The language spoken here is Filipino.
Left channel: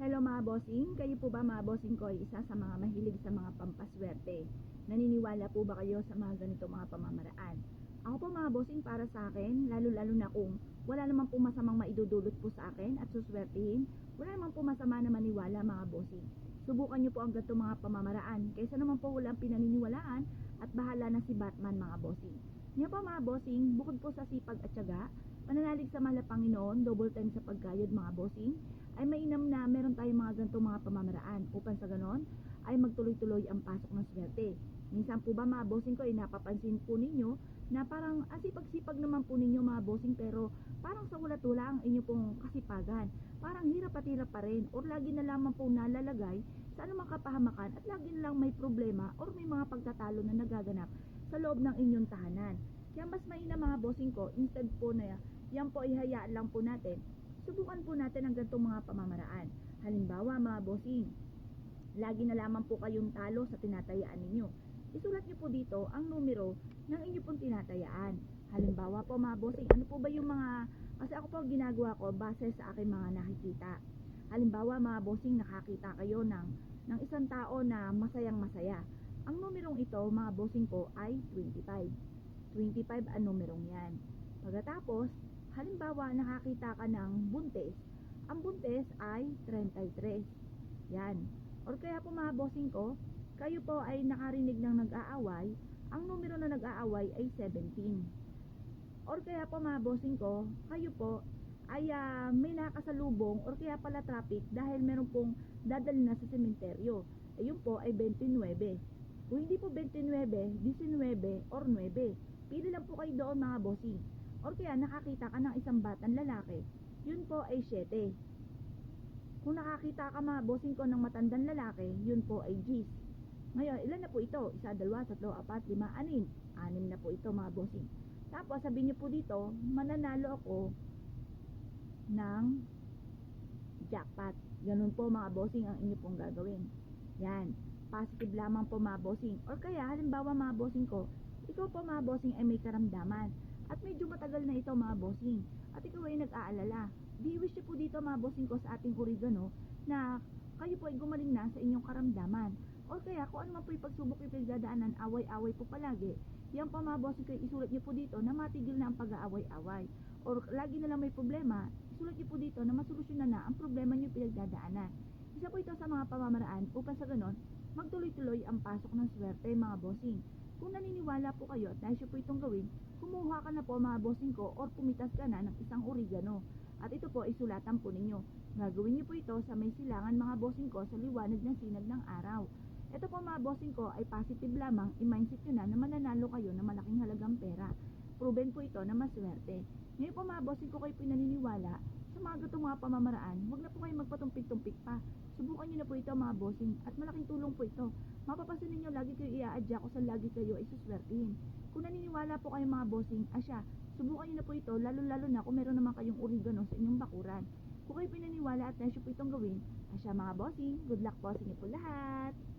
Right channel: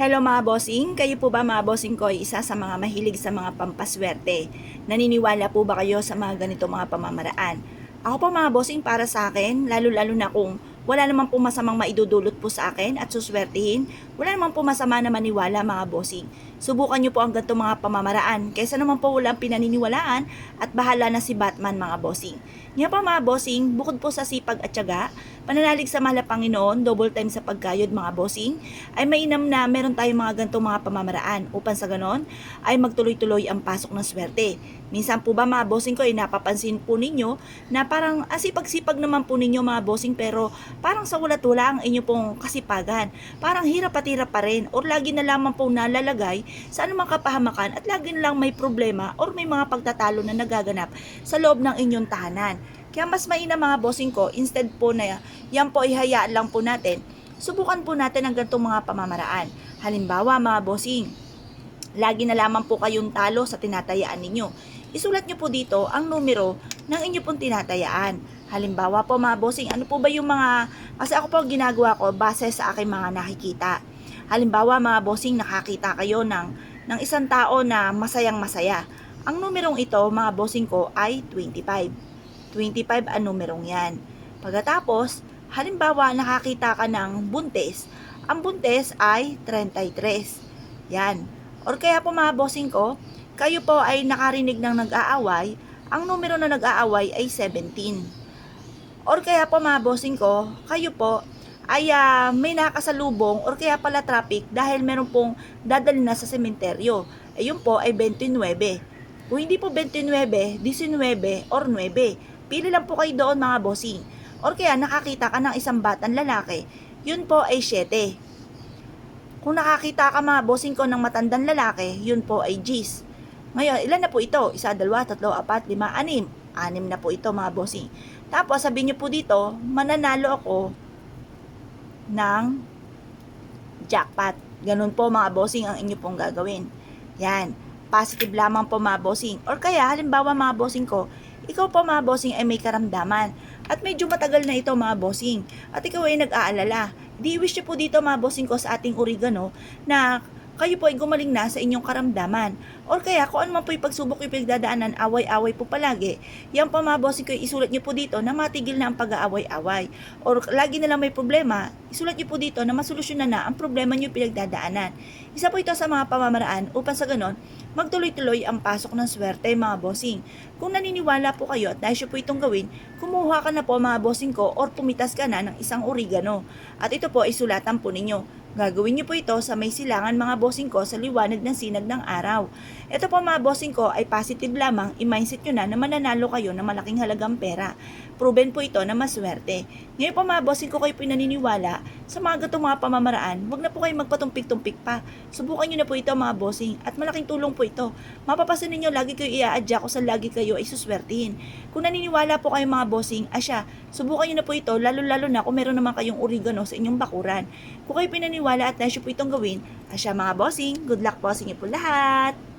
Hello mga bossing, kayo po ba mga bossing ko ay isa sa mga mahilig sa mga pampaswerte? Naniniwala po ba kayo sa mga ganito mga pamamaraan? Ako po mga bossing, para sa akin, lalo-lalo na kung wala naman po masamang maidudulot po sa akin at suswertihin, wala naman po masama na maniwala mga bossing. Subukan nyo po ang ganito mga pamamaraan kaysa naman po walang pinaniniwalaan at bahala na si Batman mga bossing. Nga po mga bossing, bukod po sa sipag at tiyaga, pananalig sa mahal na Panginoon, double time sa pagkayod mga bossing, ay mainam na meron tayong mga ganitong mga pamamaraan upang sa ganon ay magtuloy-tuloy ang pasok ng swerte. Minsan po ba mga bossing ko ay napapansin po ninyo na parang asipag-sipag naman po ninyo mga bossing, pero parang sa walat-wala ang inyo pong kasipagan. Parang hirap at hirap pa rin or lagi na lamang po nalalagay sa anumang kapahamakan at lagi na lang may problema or may mga pagtatalo na nagaganap sa loob ng inyong tahanan. Kaya mas mainam mga bossing ko, instead po na yan po ihayaan lang po natin, subukan po natin ang ganitong mga pamamaraan. Halimbawa mga bossing, lagi na lamang po kayong talo sa tinatayaan ninyo. Isulat nyo po dito ang numero ng inyo pong tinatayaan. Halimbawa po mga bossing, ano po ba yung mga, kasi ako po ginagawa ko base sa aking mga nakikita. Halimbawa mga bossing, nakakita kayo ng isang tao na masayang masaya. Ang numerong ito mga bossing ko ay 25. 25 ang numerong yan. Pagkatapos, halimbawa nakakita ka ng buntes. Ang buntes ay 33. Yan. Or kaya po mga bossing ko, kayo po ay nakarinig ng nag-aaway, ang numero na nag-aaway ay 17. Or kaya po mga bossing ko, kayo po ay may nakasalubong or kaya pala traffic dahil meron pong dadalhin na sa sementeryo. Ayun po ay 29. Kung hindi po 29, 19 or 9, pili lang po kayo doon mga bossing. Or kaya nakakita ka ng isang batang lalaki, yun po ay 7. Kung nakakita ka mga bossing ko ng matandang lalaki, yun po ay G's. Ngayon, ilan na po ito? 1, 2, 3, 4, 5, 6. 6 na po ito mga bossing. Tapos sabihin nyo po dito, mananalo ako ng jackpot. Ganun po mga bossing ang inyo pong gagawin. Yan. Positive lamang po mga bossing. Or kaya, halimbawa mga bossing ko, ikaw po mga bossing ay may karamdaman. At medyo matagal na ito mga bossing. At ikaw ay nag-aalala. Di wish nyo po dito mga bossing ko sa ating oregano na kayo po ay gumaling na sa inyong karamdaman. Or kaya kung ano man po yung pagsubok yung pinagdadaanan, away-away po palagi, yan po mga bossing ko, isulat nyo po dito na matigil na ang pag-aaway-away. Or lagi na lang may problema, isulat nyo po dito na masolusyonan na ang problema nyo pinagdadaanan. Isa po ito sa mga pamamaraan upang sa ganon, magtuloy-tuloy ang pasok ng swerte mga bossing. Kung naniniwala po kayo at nais po itong gawin, kumuha ka na po mga bossing ko or pumitas ka na ng isang oregano. At ito po ay sulatan po ninyo. Gagawin niyo po ito sa may silangan mga bossing ko sa liwanag ng sinag ng araw. Ito po mga bossing ko ay positive lamang, i-mindset nyo na mananalo kayo ng malaking halagang pera. Proven po ito na maswerte. Ngayon po mga bossing ko kayo pinaniniwala sa mga gatong mga pamamaraan, huwag na po kayo magpatumpik-tumpik pa. Subukan nyo na po ito mga bossing at malaking tulong po ito. Mapapasin ninyo lagi kayo i-aadya ko sa lagi kayo ay suswertihin. Kung naniniwala po kayo mga bossing, asya, subukan nyo na po ito lalo-lalo na kung meron naman kayong oregano sa inyong bakuran. Kung kayo pinaniwala at nais po itong gawin, asya mga bossing, good luck po sa inyo po lahat!